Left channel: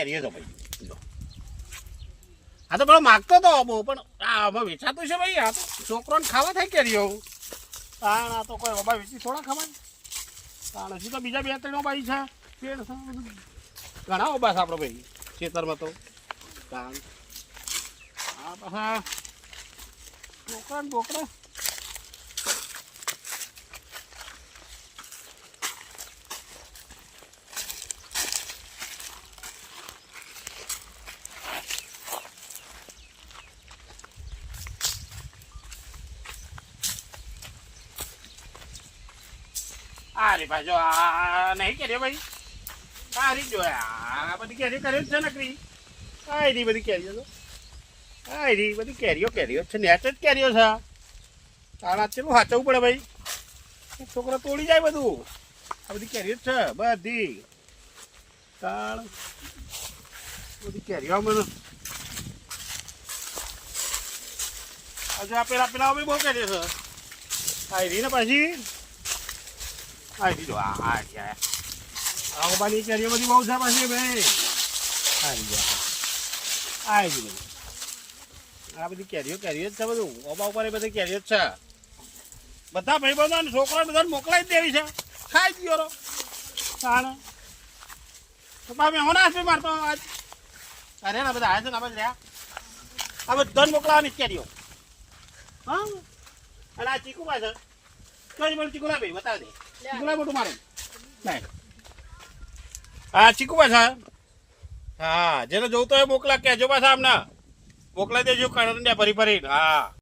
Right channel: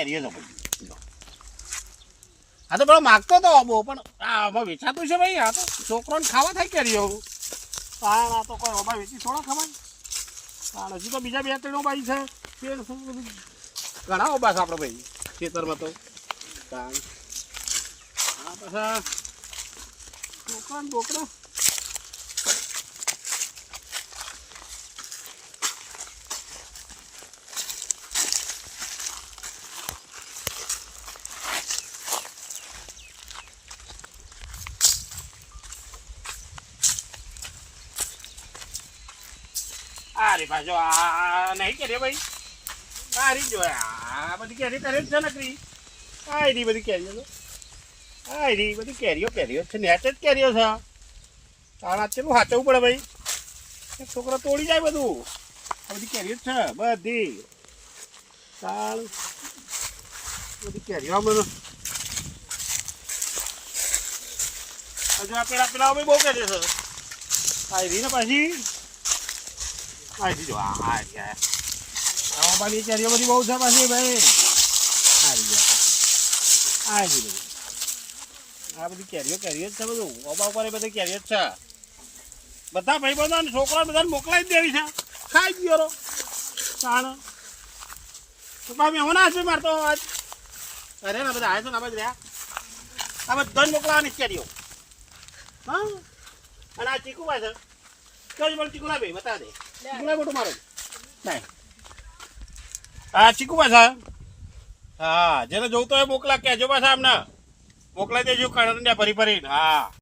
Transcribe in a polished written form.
કેરીઓ તો ભાઈ જો આ તો પેલો માગતો તો બહુ પણ આ હવે વેચાતું છે ભાઈ આ તો છોકરોને ખાવા થાય કેરીઓ કારણ આ તો કોઈ બાબા વેચી થોડા ખવાય કારણ હજી તો બીજા 2-3 ભાઈ છે પેડ છે બધું ઘણા ઉભા છે આપણે ભાઈ ખેતરમાં તો કારણ આ પાછા છોકરા ને બોકરા અરે ભાઈ જો આ નહીં કેરીઓ ભાઈ સારી જો આ બધી કેરી કરે છે નકરી આ રી બધી કેરીઓ તો આ રી બધી કેરીઓ છે નેટ જ કેરીઓ છે કારણ ચેલું હાચવું પડે ભાઈ છોકરા તોડી જાય બધું આ બધી કેરીઓ જ છે બધી તાણ બધી કેરીઓ બધું હજુ આ પેલા બહુ કેરીઓ છે આ રી ને પાછી જો આ બાની કેરીઓ બધી બહુ છે પાછી ભાઈ આ બધી કેરીઓ જ છે બધું ઓબા ઉપર બધી કેરીઓ જ છે બધા ભાઈ બધા છોકરા બધાને મોકલાવી જ દેવી છે ખાઈ ગયો સાણ તો કાંઈ મહેમાન આપે મારતો આજ અરે ને બધા આવે છે ને આ બધા આ બધાને મોકલાવાની કેરીઓ હા અને આ ચીકુ પાસે કઈ મને ચીકુ લાવે બતાવે દે ચીકુ મોટું મારે નહીં હા ચીકુ પાછા હા જેને જોવું તો એ મોકલા કહેજો પાછા આમને મોકલાઈ દેજો કણંડિયા ફરી ફરીને હા